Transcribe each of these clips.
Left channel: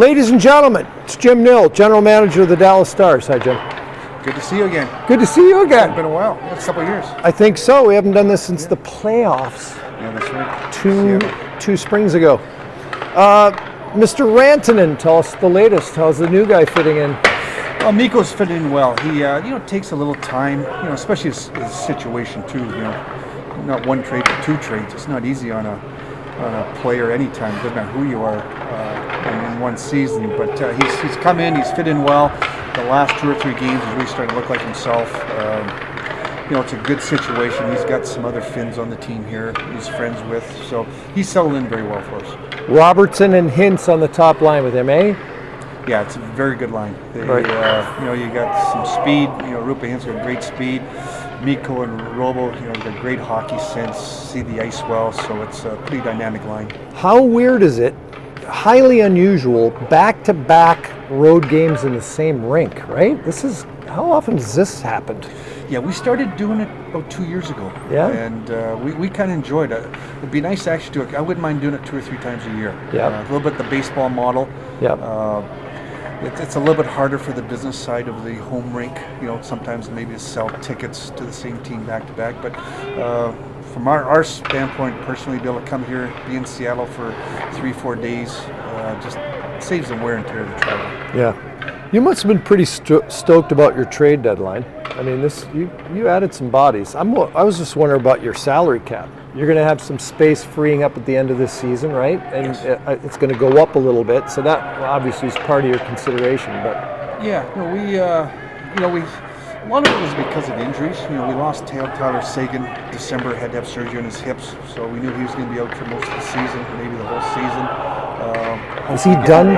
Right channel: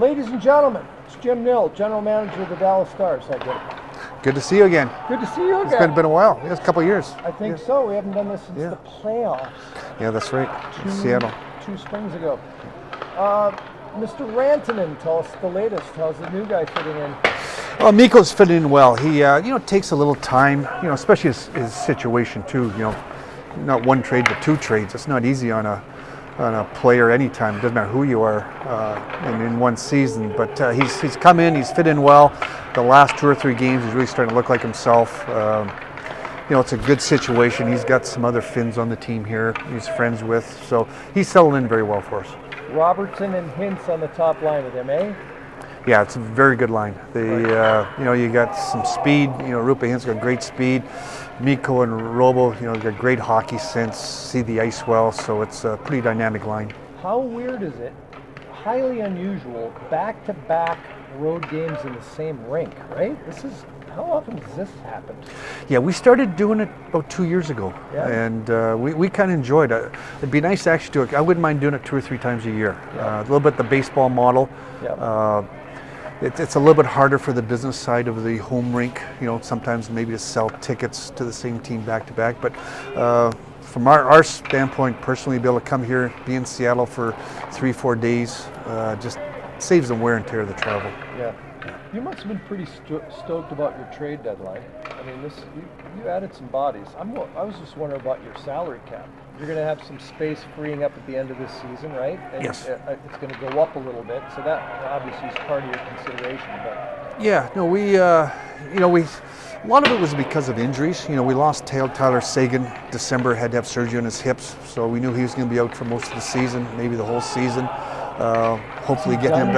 Ladies and gentlemen, it's Jim Nill, General Manager of the Dallas Stars. Hi, Jim. Good to see you again. Good to see you again. It's been a while. It's a couple of years. I think so. We haven't done this since the playoffs. Yeah, that's right. Two springs ago. Mr. Rantanen, tell us the latest. How's the new guy fitting in? Well, Mikko's fitting in well. He, it takes a little time, especially his situation too. Not one trade, but two trades. It's not easy on a player anytime. It doesn't matter who you are in one season. But he's come in. He's fit in well. The last 2 or 3 games, he's really starting to look like himself. It's a good situation. He's got some other Finns on the team here he's friends with. So he's settled in very well for us. Robertson and Hintz on the top line with him, eh? Yeah, it's a very good line. Right. You got some speed. Rupa Hintz got great speed. Mikko and Robo, they're great hockey sense, see the ice well, so it's a pretty dynamic line. How weird is it? Highly unusual, back-to-back road games in the same rink, right? How often does this happen? Yeah, we started doing it about 2 years ago. Yeah. And we kind of enjoyed it. It'd be nice to actually do it. I wouldn't mind doing it 2 or 3 times a year. Yeah. A little bit the baseball model. Yeah. It's a little bit harder for the business side of the home rink, sometimes maybe to sell tickets to the same team back to back. But from our standpoint, personally, be able to come here, be in Seattle for 3-4 days, just saves the wear and tear of the travel. Yeah. You must have been pretty stoked about your trade deadline. I mean, you added some bodies. I was just wondering about your salary cap. You're going to have some space freeing up at the end of this season, right? And yes. It's going to go up a little bit, so that obviously is part of your consideration. But yeah, no, we a lot of it was because of injuries. We lost Tyler Sagan. December, had to have surgery on his hips, so we knew he was going to be out for most of the season, maybe the whole season. Is he done?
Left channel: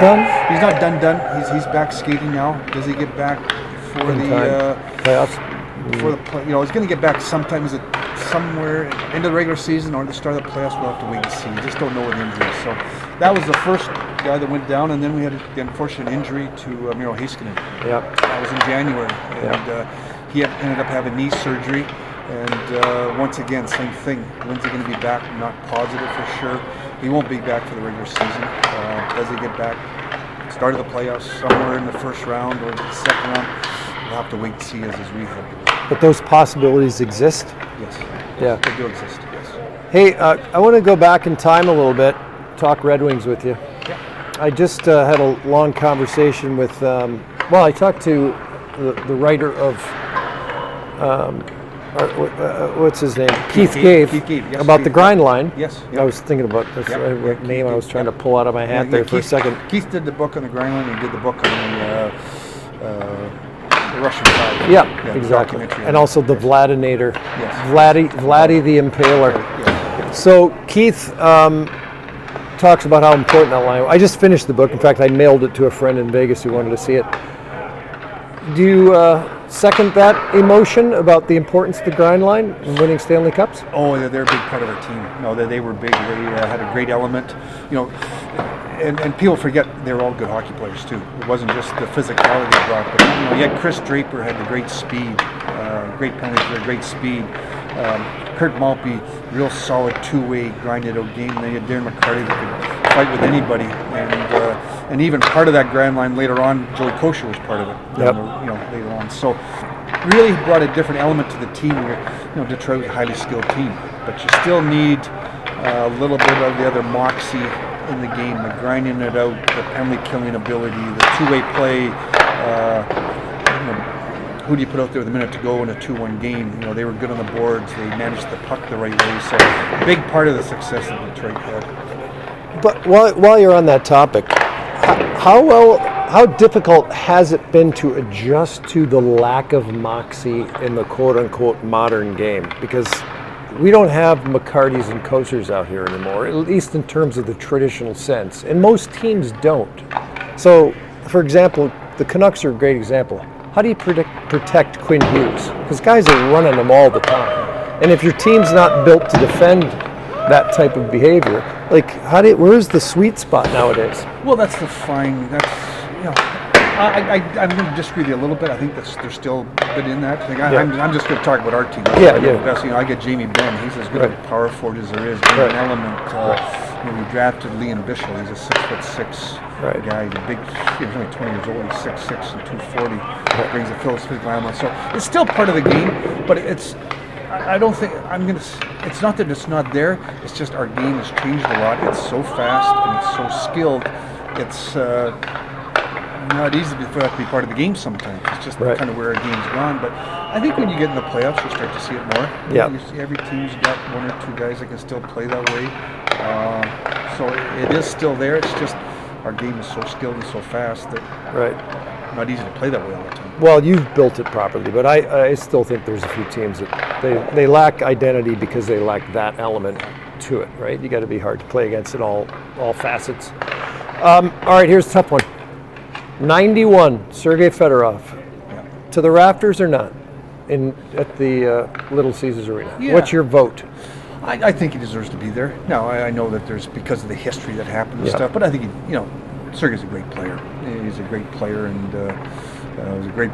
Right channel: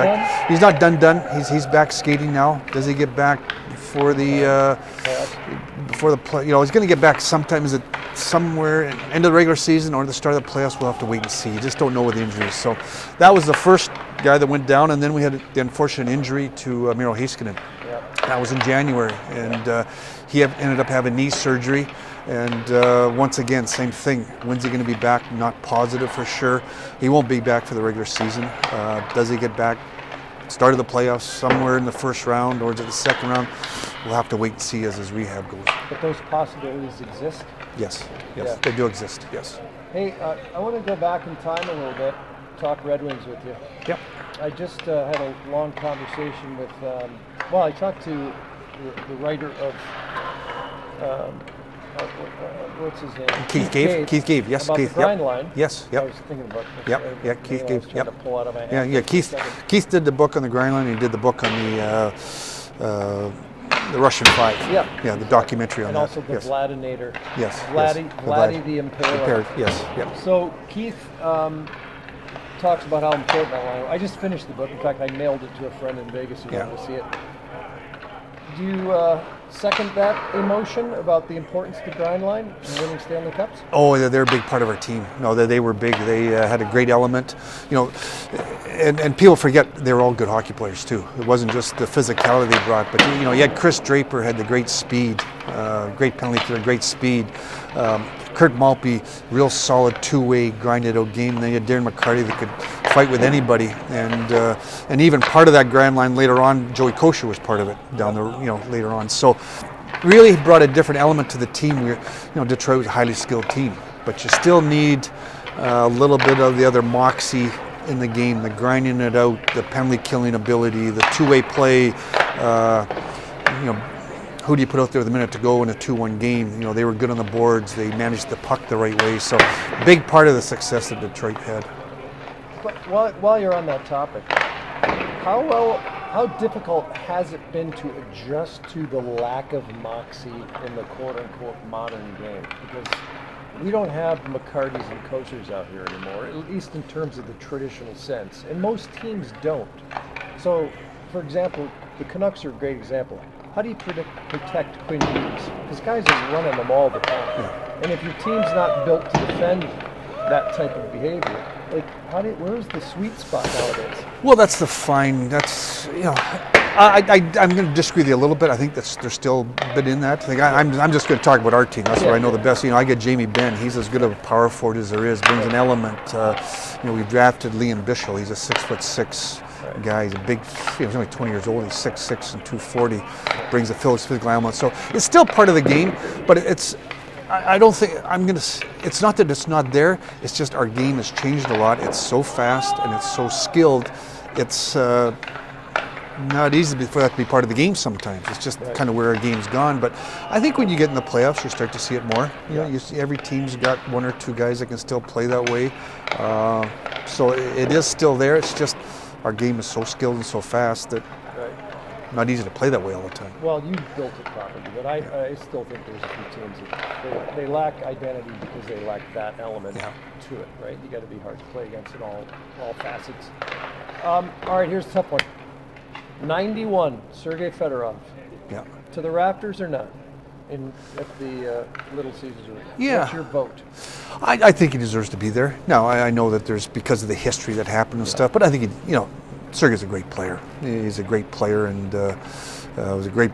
He's not done. He's back skating now. Does he get back before the playoffs? Before the play, he's going to get back sometimes somewhere end of the regular season or the start of the playoffs. We'll have to wait and see. You just don't know with injuries. So that was the first guy that went down, and then we had the unfortunate injury to Miro Heiskanen. Yeah. That was in January, and he ended up having knee surgery. And once again, same thing. When's he going to be back? Not positive for sure. He won't be back for the regular season. Does he get back? Start of the playoffs somewhere in the first round or the second round? We'll have to wait and see as his rehab goes. But those possibilities exist? Yes. Yeah. They do exist, yes. Hey, I want to go back in time a little bit, talk Red Wings with you. Yeah. I just had a long conversation with, I talked to the writer of, what's his name? Keith Gave. Keith Gave, yes. About the grind line. Yes. I was thinking about what name I was trying to pull out of my hat there for a second. Keith did the book on the grind line, and he did the book on the Russian Five. Yeah, exactly. The documentary. And also the Vladinator. Yes. Vladdy the Impaler. Yes. So Keith talks about how important that line. I just finished the book. In fact, I mailed it to a friend in Vegas who wanted to see it. Do you second that emotion about the importance of the grind line in winning Stanley Cups? Oh, they're a big part of our team. No, they were big. They had a great element. And people forget they were all good hockey players too. It wasn't just the physicality they brought, but you had Chris Draper had the great speed, great penalty kill, great speed. Kurt Maltby, real solid two-way grinded out game. And then you had Darren McCarty that could fight with anybody, and even part of that grind line later on, Joey Kosher was part of it. Later on. So really brought a different element to the team. Detroit was a highly skilled team, but you still need a little bit of the other moxie in the game, the grinding it out, the penalty killing ability, the two-way play. Who do you put out there with a minute to go in a 2-1 game? They were good on the boards. They managed the puck the right way. So a big part of the success that Detroit had. But while you're on that topic, how difficult has it been to adjust to the lack of moxie in the quote-unquote modern game? Because we don't have McCartys and Koshers out here anymore, at least in terms of the traditional sense. And most teams don't. So, for example, the Canucks are a great example. How do you protect Quinn Hughes? Because guys are running them all the time. And if your team's not built to defend that type of behavior, where's the sweet spot nowadays? Well, I'm going to disagree with you a little bit. I think they're still a bit in that. I'm just going to talk about our team. That's what I know the best. I get Jamie Benn. He's as good of a power forward as there is. He's an element. We drafted Liam Bichel. He's a 6'6" Right. guy. He's a big, he was only 20 years old. He's 6'6" and 240. Brings a physical element. So it's still part of the game, but it's. I don't think it's not that it's not there. It's just our game has changed a lot. It's so fast and it's so skilled. It's not easy for that to be part of the game sometimes. It's just kind of where our game's gone. But I think when you get in the playoffs, you start to see it more. Yeah. You see every team's got one or two guys that can still play that way. So it is still there. It's just our game is so skilled and so fast that not easy to play that way all the time. Well, you've built it properly, but I still think there's a few teams that they lack identity because they lack that element to it, right? You got to be hard to play against in all facets. All right, here's a tough one. 91, Sergei Fedorov. Yeah. To the rafters or not at the Little Caesars Arena? Yeah. What's your vote? I think he deserves to be there. Now, I know that there's because of the history that happened and stuff, but I think, Sergei's a great player. He's a great player and was a great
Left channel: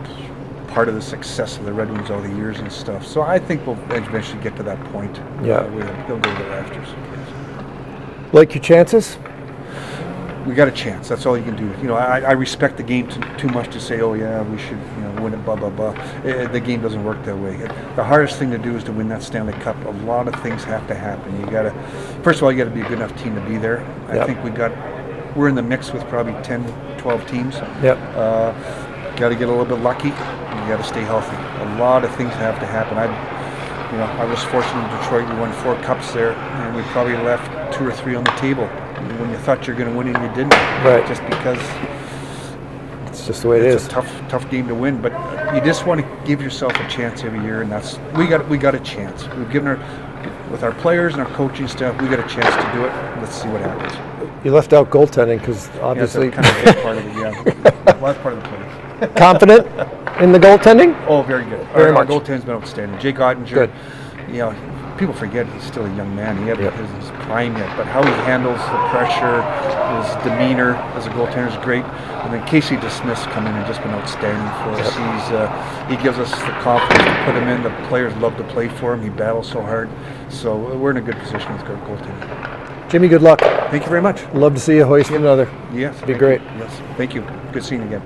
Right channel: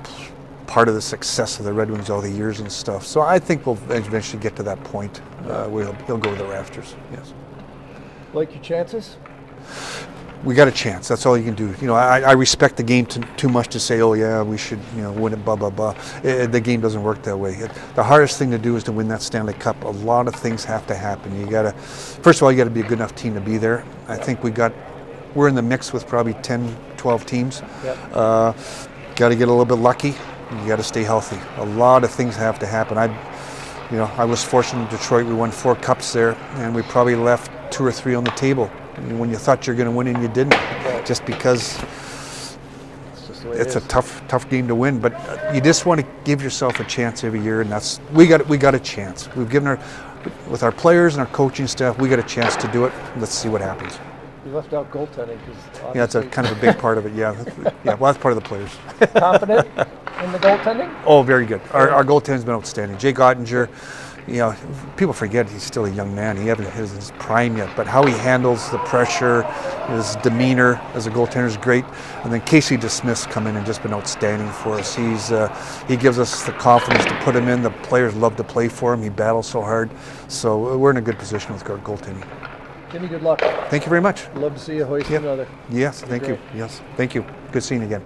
part of the success of the Red Wings all the years and stuff. So I think we'll eventually get to that point where he'll go to the rafters. Yes. Like your chances? We got a chance. That's all you can do. I respect the game too much to say, oh yeah, we should, win it, blah blah blah. The game doesn't work that way. The hardest thing to do is to win that Stanley Cup. A lot of things have to happen. First of all, you got to be a good enough team to be there. I think we're in the mix with probably 10, 12 teams. Yeah. Got to get a little bit lucky. You got to stay healthy. A lot of things have to happen. I was fortunate in Detroit. We won 4 cups there, and we probably left 2 or 3 on the table when you thought you're going to win and you didn't. Right. Just because it's just the way it is. It's a tough game to win, but you just want to give yourself a chance every year, and we got a chance. We've given with our players and our coaching staff, we got a chance to do it. Let's see what happens. You left out goaltending because obviously. That's a kind of big part of it. Yeah. Well, that's part of the players. Confident in the goaltending? Oh, very good. Very Our much. goaltending's been outstanding. Jake Ottinger, Good. People forget he's still a young man. He hasn't hit his prime yet, but how he handles the pressure, his demeanor as a goaltender is great. And then Casey DeSmith's come in and just been outstanding for us. He gives us the confidence to put him in. The players love to play for him. He battles so hard. So we're in a good position with our goaltending. Jimmy, good luck. Thank you very much. Love to see you hoist another. Yes. Be great. Yes. Thank you. Good seeing you again.